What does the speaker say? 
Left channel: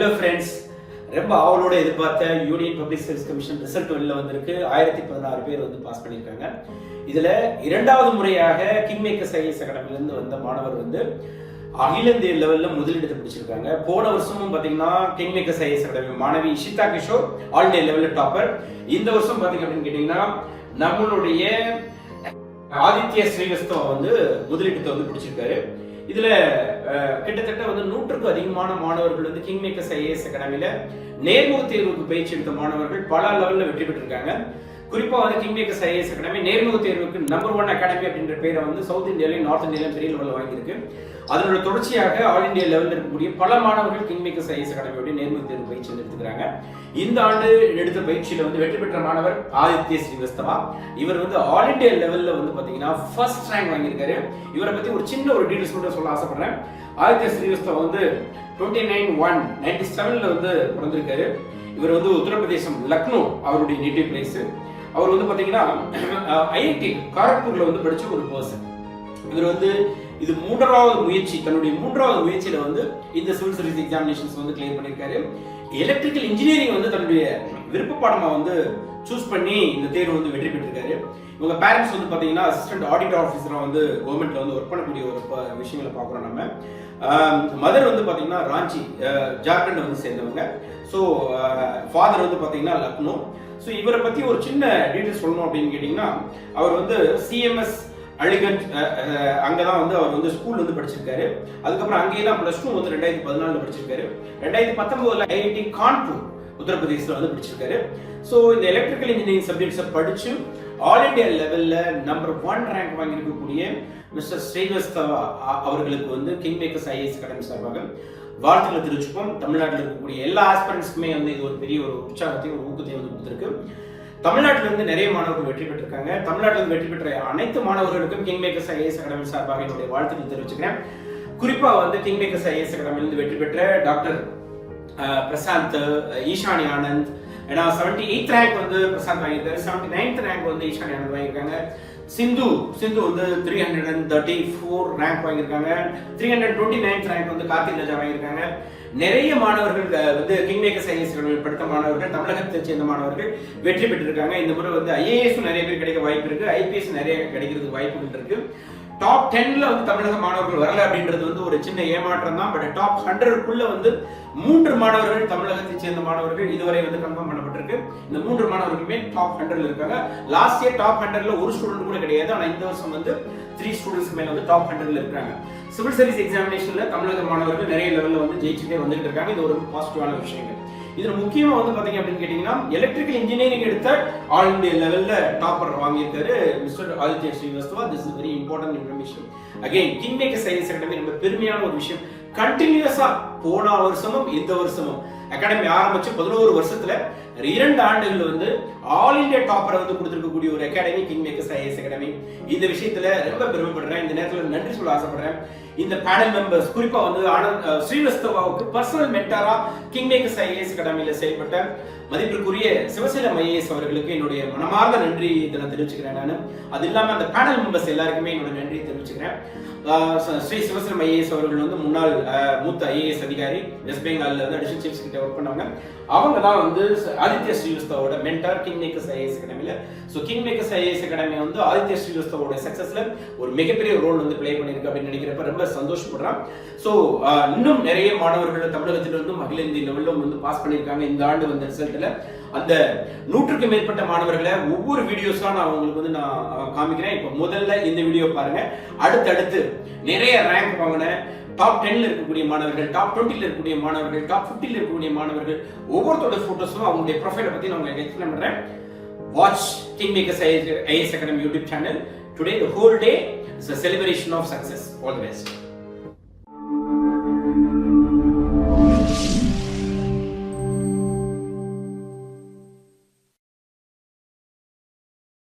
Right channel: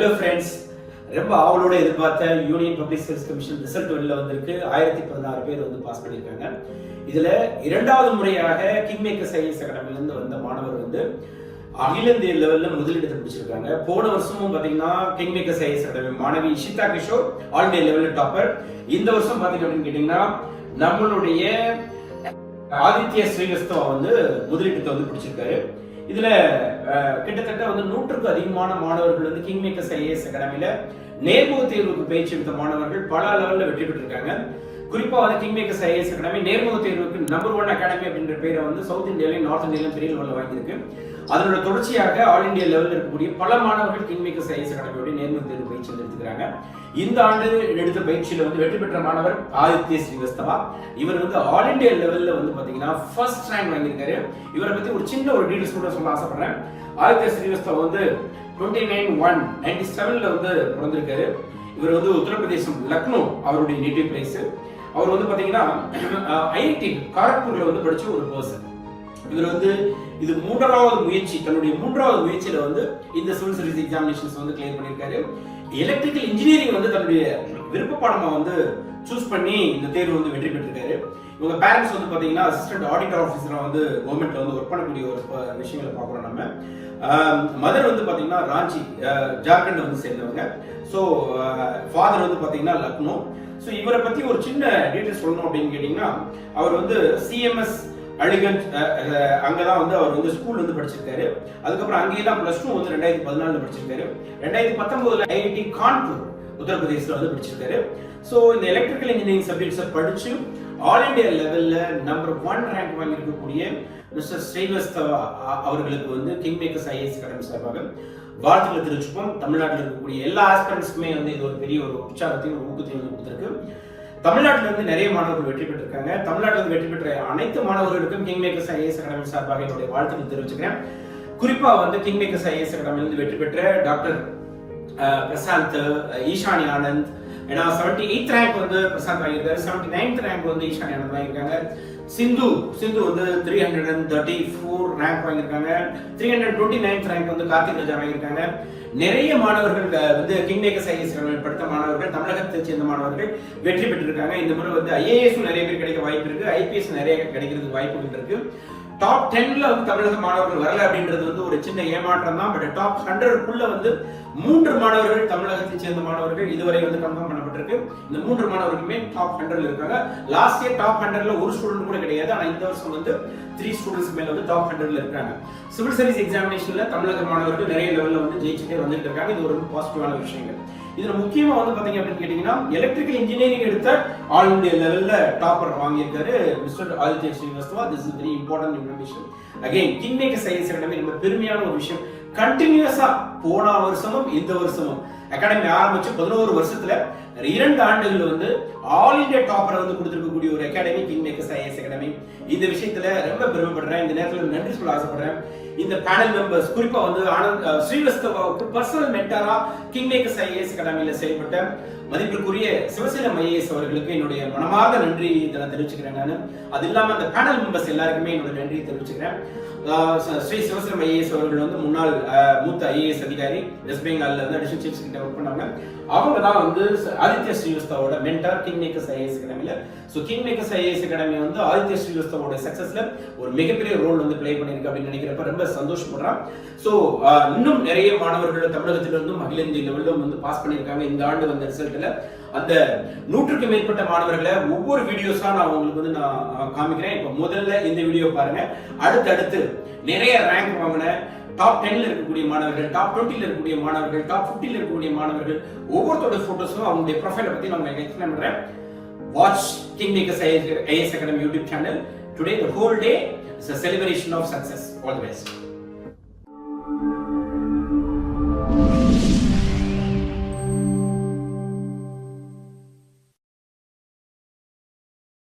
Hello friends, ரொம்ப ஆவலோட எதிர்பார்த்த union public service commission result வெளில வந்திருக்கு. 1016 பேர் வந்து பாஸ் பண்ணியிருக்காங்க. இதுல இரண்டாவது முறையாக கிங் மேக்கர்ஸ் ஐஏஎஸ் அகாடமிலிருந்து வந்த மாணவர் வந்து அகில இந்திய லெவல்ல முதலிடத்தை பிடிச்சிருக்காங்க. போன வருஷமும் பாத்தீங்கன்னா கிங் மேக்கர்ஸ் ஐஏஎஸ் அகாடமி மாணவி இஷிதா கிஷோர் ஆல் இந்தியா லெவல்ல டாப்பர். இந்த வருஷம் பாத்தீங்க அப்படின்னு கேட்டீங்கன்னா நம்மளுடைய ஆதித்ய ஸ்ரீவஸ்தவா வந்து முதலிடத்தை வந்து பிடிச்சிருக்காரு. இதுல கிட்டத்தட்ட வந்து 100க்கும் அதிகமான மாணவர்கள் வந்து கிங் மேக்கர்ஸ் ஐஏஎஸ் அகாடமியில நேர்முக தேர்வுக்கு பயிற்சி எடுத்த மாணவர்கள் பல லெவல்ல வெற்றி பெற்றிருக்காங்க. குறிப்பா வந்து கிங் மேக்கர்ஸ் ஐஏஎஸ் அகாடமி நேர்முக தேர்வுக்கு நம்பர் 1 அகாடமி அப்படின்ற பேரை வந்து சவுத் இந்தியாலையும் நார்த் இந்தியாலையும் பெரிய லெவலில் வாங்கியிருக்கு. அதனோட தொடர்ச்சியாக ஆல் இந்தியா லெவலில் இருக்கக்கூடிய பல மாணவர்கள் கிங் மேக்கர்ஸ் ஐஏஎஸ் அகாடமியோட நேர்முக தேர்வு பயிற்சி எடுத்துக்கிறாங்க. இந்த ஆண்டு எடுத்த பயிற்சியில வந்து வெற்றி பெற்ற மாணவர் ஆதித்ய ஸ்ரீவஸ்தவா. இவர் வந்து ஆல் இந்தியா லெவல்ல வந்து பாத்தீங்கன்னா ஃபர்ஸ்ட் ரேங்க் வாங்கியிருக்காரு. இவரை பத்தி ஒரு சின்ன ஒரு டீடைல்ஸ் கூட சொல்ல ஆசைப்படுறேன். ஆதித்ய ஸ்ரீவஸ்தவா வந்து 29/1/97ல வந்து பிறந்திருக்காரு. இவர் வந்து உத்தரப்பிரதேசம் லக்னோ அவருடைய நேட்டிவ் பிளேஸ். அவர் வந்து பாத்தீங்கன்னா ஐஐடி காரக்பூர்ல வந்து படிச்ச ஒரு பர்சன். இவர் வந்து இது தன்னுடைய மூன்றாவது முயற்சியில வந்து இந்த சிவில் சர்வீஸ் எக்ஸாமினேஷன்ஸ் வந்து கிளியர் பண்ணியிருக்காரு. எலக்ட்ரிக்கல் இன்ஜினியரிங் வந்து தன்னுடைய விருப்ப பாடமா வந்து சூஸ் பண்ணி இந்த தேர்வு வந்து வெற்றி பெற்றிருக்காரு. இவங்க பேரண்ட்ஸ் வந்து பாத்தீங்கன்னா அசிஸ்டன்ட் ஆடிட்டர் ஆஃபீஸரா வந்து கவர்மெண்ட்ல வந்து ஒர்க் பண்ணக்கூடிய ஒரு விஷயங்களை பாக்குறோம் நம்ம. மதர் வந்து பாத்தீங்கன்னா ராஞ்சி ஜார்க்கண்ட் வந்து சேர்ந்தவங்க. ஸோ ஃபாதர் வந்து பாத்தீங்கன்னா லக்னோ. ஸோ இவரை பத்தி ஒரு சின்ன டீடைல்ஸ் சொல்லணும் அப்படின்னு கேட்டீங்கன்னா, அவர் வந்து சிஎம்எஸ் அலிகஞ்ச் அங்கதான் வந்து அவர் வந்து ஸ்கூல் வந்து படிச்சிருக்காரு. அதுக்கப்புறம் அங்கேயெல்லாம் +2 வந்து 2014 படிச்சிருக்காரு. 2019 ஐஐடி கான்பூர் உத்தரப்பிரதேசல வந்து படிச்சிருக்காரு. ஸோ இந்த எலக்ட்ரிக்கல் இன்ஜினியரிங் சப்ஜெக்ட்ஸை படிச்சு ஆல் இந்தியா லெவல்ல நம்பர் 1 ரேங்க் வாங்கியிருக்கக்கூடிய மிஸ்டர் ஸ்ரீவஸ்தவா அவர்களுக்கு வந்து கிங் மேக்கர்ஸ் ஐஏஎஸ் அகாடமி சார்பாக வாழ்த்துக்களை தெரிவிச்சுப்போம். தமிழ்நாட்டில் இருக்கக்கூடிய எல்லா ஆஸ்பிரண்ட்ஸ்க்குமே வந்து இது ஒரு பெரிய ஒரு உற்சாகத்தையும் ஒரு ஊக்கத்தையும் வந்து கொடுத்திருக்கு. தமிழ்நாட்டில இருந்து நிறைய மாணவர்கள் வெற்றி பெற்றிருக்காங்க. தமிழ்நாட்டில் வெற்றி பெற்ற அனைத்து மாணவர்களுக்கும் கிங் மேக்கர்ஸ் ஐஏஎஸ் அகாடமி சார்பாக என்னுடைய வாழ்த்துக்கள் தெரிவிச்சுக்கிறேன். குறிப்பா வந்து கிங் மேக்கர்ஸ் ஐஏஎஸ் அகாடமியிலிருந்து வெற்றி பெற்ற டாக்டர் பிரசாந்த், ஈஷானி ஆனந்த், ஏன்னா 78th ரேங்க் வந்து பிரசாந்த் வாங்கியிருக்காரு. 79th ரேங்க் வந்து ஈஷானி ஆனந்த் வாங்கியிருக்காங்க. சிந்து வந்து 334 ரேங்க் வாங்கியிருக்காங்க. 329th ரேங்க் வந்து கார்த்திக் ராஜா வாங்கியிருக்காங்க. நிறைய மாணவர்கள் வந்து கிங் மேக்கர்ஸ் ஐஏஎஸ் படித்த மாணவர்கள், தமிழகத்தை சேர்ந்த மாணவர்கள் வெற்றி பெற்றிருக்காங்க. இந்த முறை வந்து ஐஏஎஸ் நிறைய பேர் கிடைக்க வாய்ப்பு இருக்கு, ஐபிஎஸ் நிறைய கிடைக்கிறதுக்கு வாய்ப்புகள் இருக்கு. டாப் 10ல வந்து தமிழக மாணவர்கள் வரல அப்படின்றது வந்து ஒரு சின்ன ஏமாற்றம் தான். பட் டாப் 100க்குள்ள வந்து 3 மாணவர்கள் தமிழகத்தை சேர்ந்த மாணவர்கள் இதுவரை வந்து கன்ஃபார்ம் பண்ணப்பட்டிருக்கு. இந்த 3 மாணவர்களுமே டாப் 100ல இருக்காங்க. லாஸ்ட் இயர் டாப் 100ல ஒரு ஸ்டூடெண்ட் கூட கிடையாது. ஆனா இந்த வருஷம் வந்து 3 ஸ்டூடெண்ட்ஸ் மேல வந்து டாப் 100ல இருக்காங்க. சிவில் சர்வீஸ் எக்ஸாமினேஷன்ல தமிழக மாணவர்கள் நிறைய லெவல்ல வந்து ஜெயிச்சுட்டே வந்துட்டு இருக்காங்க. இது ஒரு பாசிட்டிவான விஷயங்கள். இதுல முக்கியமா வந்து பாத்தீங்க அப்படின்னு கேட்டீங்கன்னா, எலக்ட்ரிக்கல் இன்ஜினியரிங் எடுத்த ஆல் இந்தியா லெவல்ல டாப்பர் வாங்கியிருக்காரு mister Aditya Srivastava. This is very important information. Again king makers IAS academy ரொம்ப பெருமையான ஒரு விஷயம். கண்டினியூஸா போன வருஷமும் இந்த வருஷமும் அகாடமி ஆரம்பிச்சு 11 வருஷத்துல 2 ஆண்டுகள் வந்து ஆல் இந்தியா டாப்பரை வந்து கொடுத்திருக்கக்கூடிய ஒரு academy king makers IAS academy. இந்த விஷயத்துல ரொம்ப பெருமைப்படுறேன். இந்த நேரத்துல நன்றி சொல்ல ஆசைப்படுறேன். இந்த பேனல் மெம்பர்ஸ், குறிப்பா வந்து ஸ்ரீவஸ்தவாவுக்கு பர்சனல் மென்டாரா கிங் மேக்கர்ஸ் ஐஏஎஸ் அகாடமியில செயல்பட்ட மதிப்பிற்குரிய சிவசீலம் ஐஏஎஸ் அவர்களுக்கு என்னுடைய மனமார்ந்த நன்றி நான் தெரிவிச்சுக்கிறேன். நான் அது இல்லாம அந்த பேனல் மெம்பர்ஸ் எல்லாருக்குமே என்னோட நன்றி தெரிவிச்சுக்கிறேன். ஸ்ரீ சிவசீலம் ஐஏஎஸ் அவர்கள் வந்து முன்னாள் மூத்த ஐஏஎஸ் அதிகாரி, வெஸ்ட் பெங்கால்ல வந்து அடிஷனல் சீஃப் கிட்ட ஒர்க் பண்ணாங்க. அவங்க தான் வந்து ஆதித்ய ஸ்ரீவஸ்தவோட மென்டார் கிங் மேக்கர்ஸ் ஐஏஎஸ் அகாடமியில. So king makers IAS academy வந்து ஆதித்ய ஸ்ரீவஸ்தவோட சக்சஸ்ல ஒரு மிகப்பெரிய ரோல் வந்து பிளே பண்ணிருக்கு அப்படின்னு நினைக்கிறப்ப ரொம்ப சந்தோஷப்படுறான். ஸோ இன்னும் நிறைய மாணவர்கள் தமிழகத்திலிருந்தும் அகில இந்திய லெவலிலும் வந்து பாஸ் பண்ணியிருக்காங்க. இந்த ஆண்டு வந்த ரிசல்ட்ல அந்த 100க்கும் மேற்பட்ட மாணவர்களை ஒவ்வொரு வீடியோஸா நான் உங்களுக்கு வந்து நான் காமிக்கிறேன். இப்ப முதல்ல இந்த வீடியோ பாருங்க. அடுத்தடுத்து நிறைய ரேங்க் வாங்கின டாப் 10ல இருக்கக்கூடிய மாணவர்கள், டாப் 20ல இருக்கக்கூடிய மாணவர்கள், டாப் 50ல இருக்கக்கூடிய மாணவர்கள் ஒவ்வொருத்தோட போட்டோஸும் அவங்களுடைய ப்ரொஃபைலை பத்தி நான் உங்களுக்கு எக்ஸ்பிளைன் பண்றேன். Watch King Makers IAS Academy YouTube channel. Today the whole day is a celebration of success. All the best.